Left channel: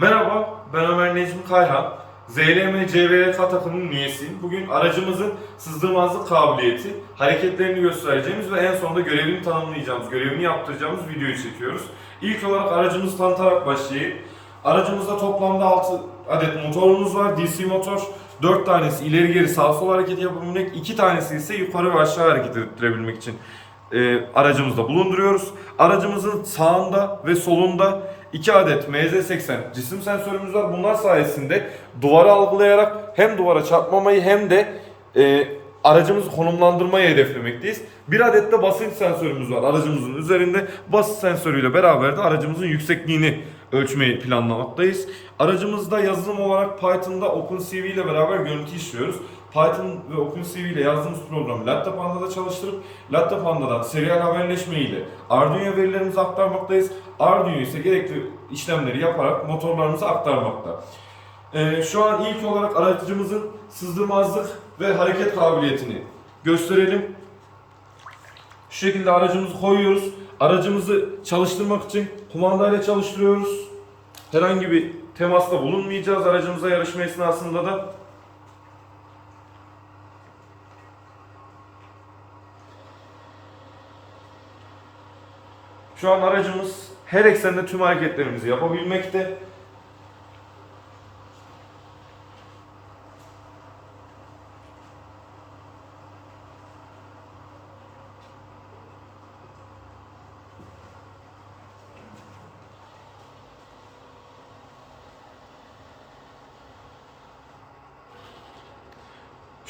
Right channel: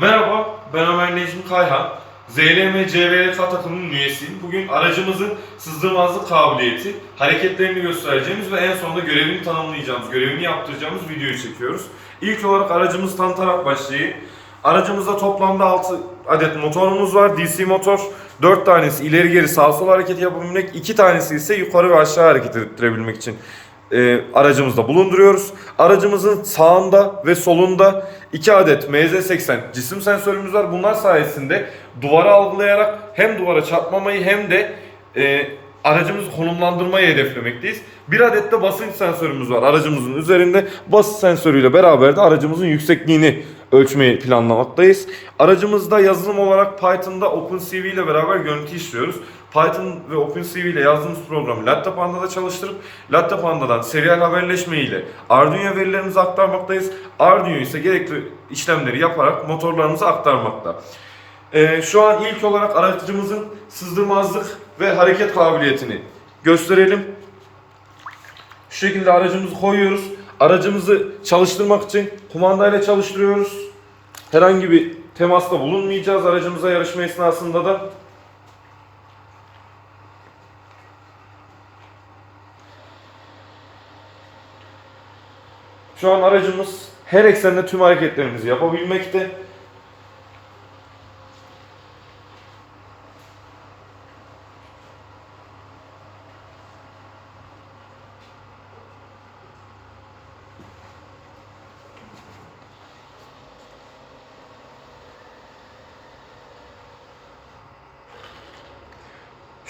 Merhaba, ben Ömer Necmi Kayhan. ZLM CVLK takımının üyesiyim. Bugün aracımızın sızdırmazlık kabiliyeti, hareketlerini göstereceğimiz ve en sonunda görevini tanımlayacağımız, görevini yaptıracağımız videoyu çekiyoruz. İlk olarak aracımızı tanıtarak başlayayım. Aracımızda toplamda 6 adet motorumuz var. DC motor. 4 tanesi ileri geri sağ sol hareket yapabilmek, 2 tanesi ise yukarı ve aşağı hareket ettirebilmek için e, aracımızda bulunduruyoruz. Aracımızın sağında ve solunda 2 adet MZ80 cisim sensörümüz var. Bunlar sayesinde duvara algılayarak hem duvara çarpmamayı hem de e, aracımızı konumlandırmayı hedeflemekteyiz. Bir adet de basınç sensörümüz var aracımızın üzerinde. Basınç sensörüyle beraber de aracımızın yüksekliğini ölçmeyi planlamaktayız. Aracımızda yazılım olarak Python'da OpenCV ile beraber görüntü işliyoruz. Python ve OpenCV ile yazdığımız programı Latte Panda'da çalıştırıp Latte Panda'dan serial haberleşme ile Arduino verilerimizi aktarmaktayız. Arduino ise gerekli işlemleri yaparak motorlarımıza aktarmakta. Ee, şu an ilk olarak aracımızın sızdırmazlık ve hareket kabiliyetini gösterelim. Şu şekilde aracımızı koyuyoruz. Aracımızı çalıştırmak için kumandayla çalıştırıyoruz. Herhangi bir temasta bulunmayacağız aracımıza yarışma esnasında da. Şu an aracımız her eksende tüm hareketlerimizi yapabilmekte.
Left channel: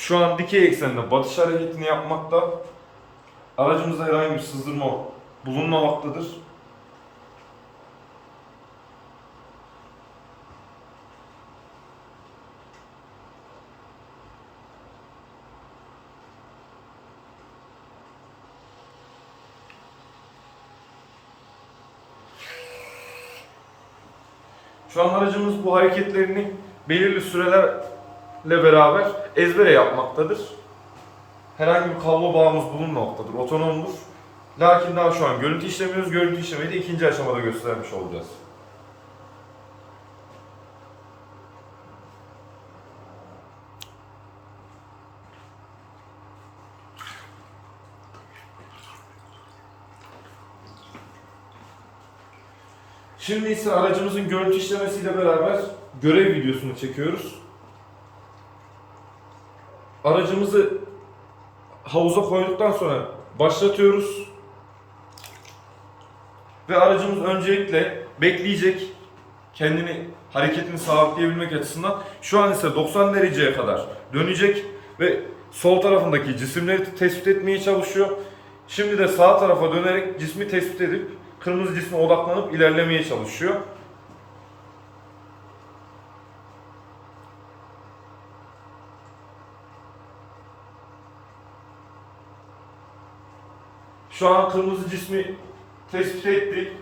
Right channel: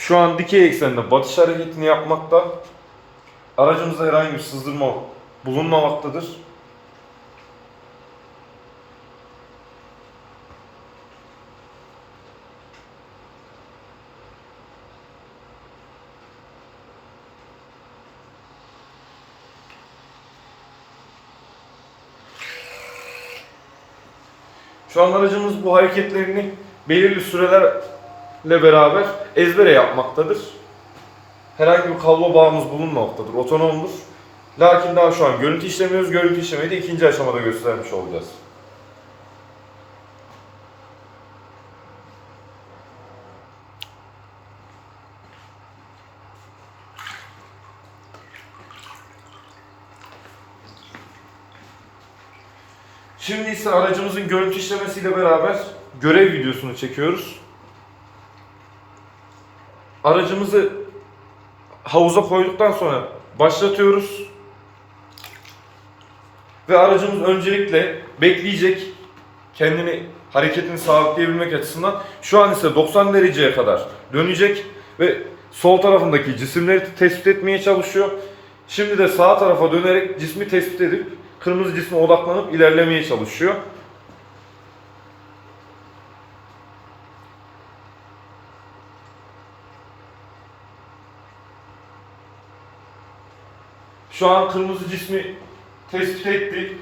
Şu an dikey eksende batış hareketini yapmakta. Aracımızda herhangi bir sızdırma bulunmamaktadır. Şu an aracımız bu hareketlerini belirli sürelerle beraber ezbere yapmaktadır. Herhangi bir kablo bağımız bulunmamaktadır, otonomdur. Lakin daha şu an görüntü işlemiyoruz. Görüntü işlemeyi de ikinci aşamada göstermiş olacağız. Şimdi ise aracımızın görüntü işlemesiyle beraber görev videosunu çekiyoruz. Aracımızı havuza koyduktan sonra başlatıyoruz. Ve aracımız öncelikle bekleyecek kendini hareketini sabitleyebilmek açısından şu an ise 90 dereceye kadar dönecek ve sol tarafındaki cisimleri tespit etmeye çalışıyor. Şimdi de sağ tarafa dönerek cismi tespit edip kırmızı cisme odaklanıp ilerlemeye çalışıyor. Şu an kırmızı cismi tespit etti.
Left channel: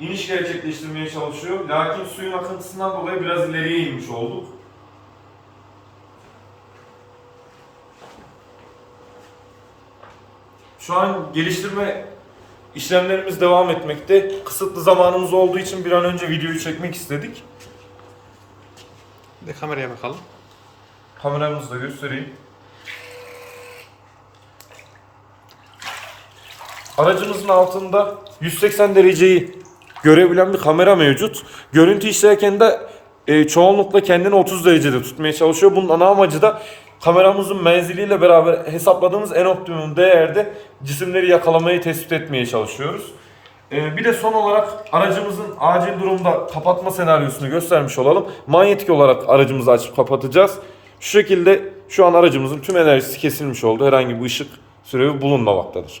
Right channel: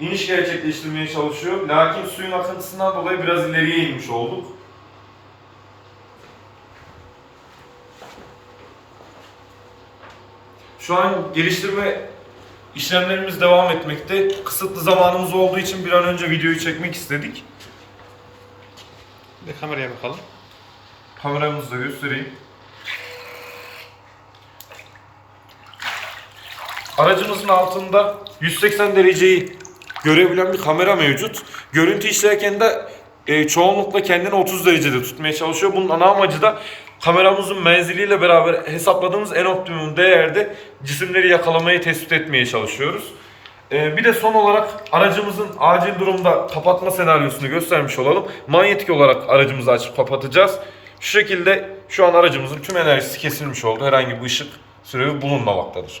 İniş gerçekleştirmeye çalışıyor. Lakin suyun akıntısından dolayı biraz ileriye inmiş olduk. Şu an geliştirme işlemlerimiz devam etmekte. Kısıtlı zamanımız olduğu için bir an önce videoyu çekmek istedik. Bir de kameraya bakalım. Kameramızı da göstereyim. Aracımızın altında 180 dereceyi görebilen bir kamera mevcut. Görüntü işlerken de e, çoğunlukla kendini 30 derecede tutmaya çalışıyor. Bunun ana amacı da kameramızın menziliyle beraber hesapladığımız en optimum değerde cisimleri yakalamayı tespit etmeye çalışıyoruz. E, bir de son olarak aracımızın acil durumda kapatma senaryosunu göstermiş olalım. Manyetik olarak aracımızı açıp kapatacağız. Şu şekilde şu an aracımızın tüm enerjisi kesilmiş oldu. Herhangi bir ışık sürevi bulunmamaktadır.